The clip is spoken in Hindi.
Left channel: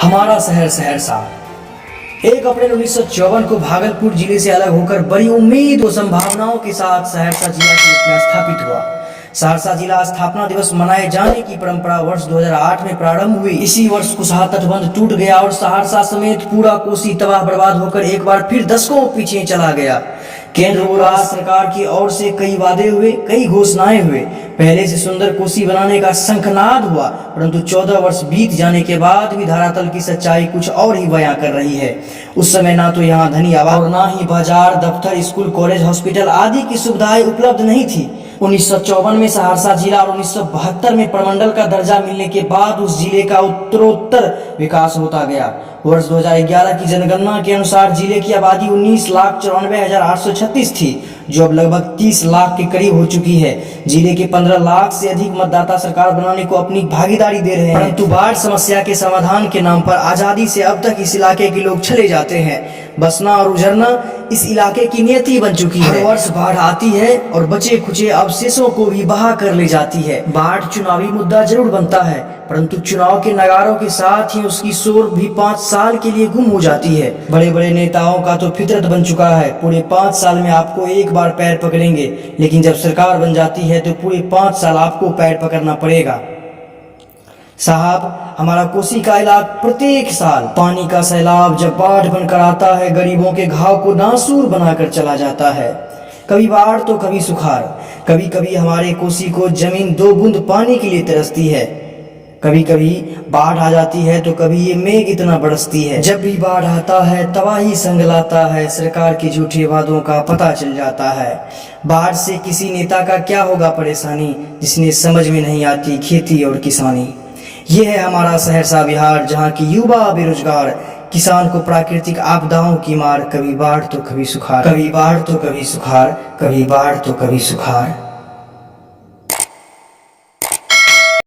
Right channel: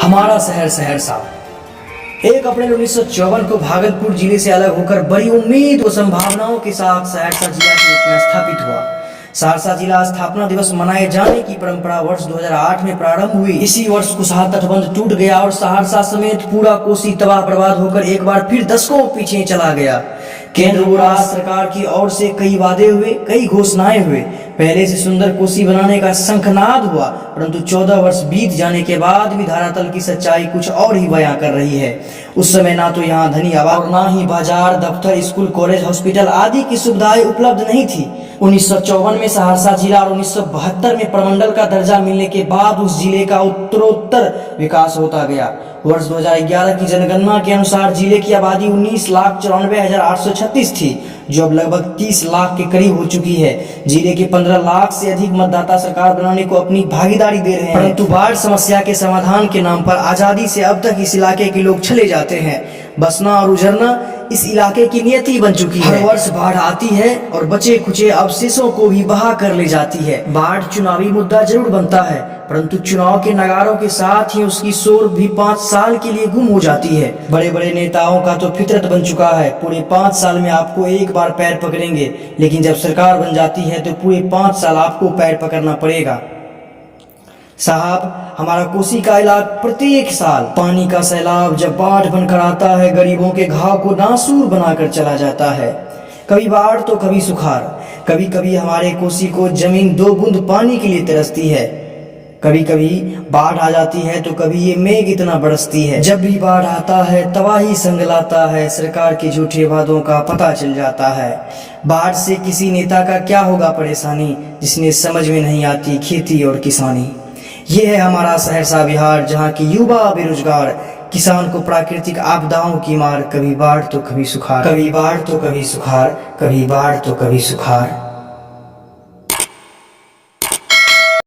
हमारा शहर सहरसा 1 अप्रैल 1954 को भागलपुर जिले से अलग होकर बड़ी उम्मीद व संभावनाओं के साथ सहरसा जिला के रूप में स्थापित हुआ। सहरसा जिला स्थापना दिवस मनाए जाने की परंपरा वर्ष 2008 में प्रारंभ हुई। इसी वर्ष कुशहा तटबंध टूट गया और सहरसा समेत पूरा कोसी तबाह बर्बाद होकर एक बार फिर दशकों पीछे चला गया। केंद्र व राज्य सरकार की ओर से कई वादे हुए, कई घोषणाएं हुए। पहले से सुंदर कोसी बनाने का शंखनाद हुआ, परंतु 14 वर्ष बीत जाने के बाद भी धरातल की सच्चाई कुछ और ही बयां कर रही है। उस समय ना तो यहाँ धनी आबाद और ना ही बाजार, दफ्तर, स्कूल, कॉलेज, हॉस्पिटल आदि की सुविधाएं उपलब्ध नहीं थी। 1954 में सहरसा जिला और 1972 में प्रमंडल का दर्जा मिलने के बाद उस जिले का उत्तरोत्तर विकास होता गया। वर्ष 2011 की जनगणना के अनुसार जिले की आबादी 19,94,836 थी, जो अब लगभग 30 लाख के करीब हो चुकी है। जिले के 15 लाख से अधिक मतदाता सरकार बनाने को अपनी भागीदारी दे रहे हैं, परंतु बाढ़ समस्या के समाधान के नाम पर आजादी से अब तक इस इलाके के लोग चले जाते हैं। बसना और उजरना इस इलाके की नियति बन चुकी है। हर वर्ष बाढ़ आती है और बचे खुचे अवशेषों को भी बहा कर ले जाती है। बाढ़ चुनावी मुद्दा जरूर बनता है, परंतु चुनाव के नगारों के साथ ही उसकी शोर भी 5 साल के लिए गुम हो जाती है। बड़े बड़े नेताओं का तो फितरत बन चुका है, पूरे 5 साल में आपको एक बार पैर पकड़ेंगे, लेकिन जब सरकार बन जाती है तो पूरे 5 साल आपको पैर पकड़ना पड़ेगा। साहब, हमारा कोसी का इलाका प्रत्येक साल पानी का सैलाब जब बाढ़ बनकर आता है, गरीबों के घाव को नासूर बनाकर चला जाता है। कभी बाढ़ तो कभी सुखाड़। कभी कभी हमारे कोसी को जमीन 2 बूंद पानी के लिए तरसती है। कभी कभी बाढ़ आ जाती है तो कभी ये मेघ इतना बरसती है। जब भी बाढ़ आता है तबाही संग लाता है, सरकार के झूठे वादों का पता चल जाता है। बाढ़ से किसी नेता का क्या होगा परेशानी, जिसने समझ में नहीं आती खेती और किसानी। ये है हमारा सहरसा बिहार, जहाँ की युवा बेरोजगार, किसान को प्राकृतिक आपदाओं की मार। कभी बाढ़ तो कभी सुखाड़, कभी बाढ़ तो कभी सुखाड़, कभी बाढ़ तो कभी सुखाड़।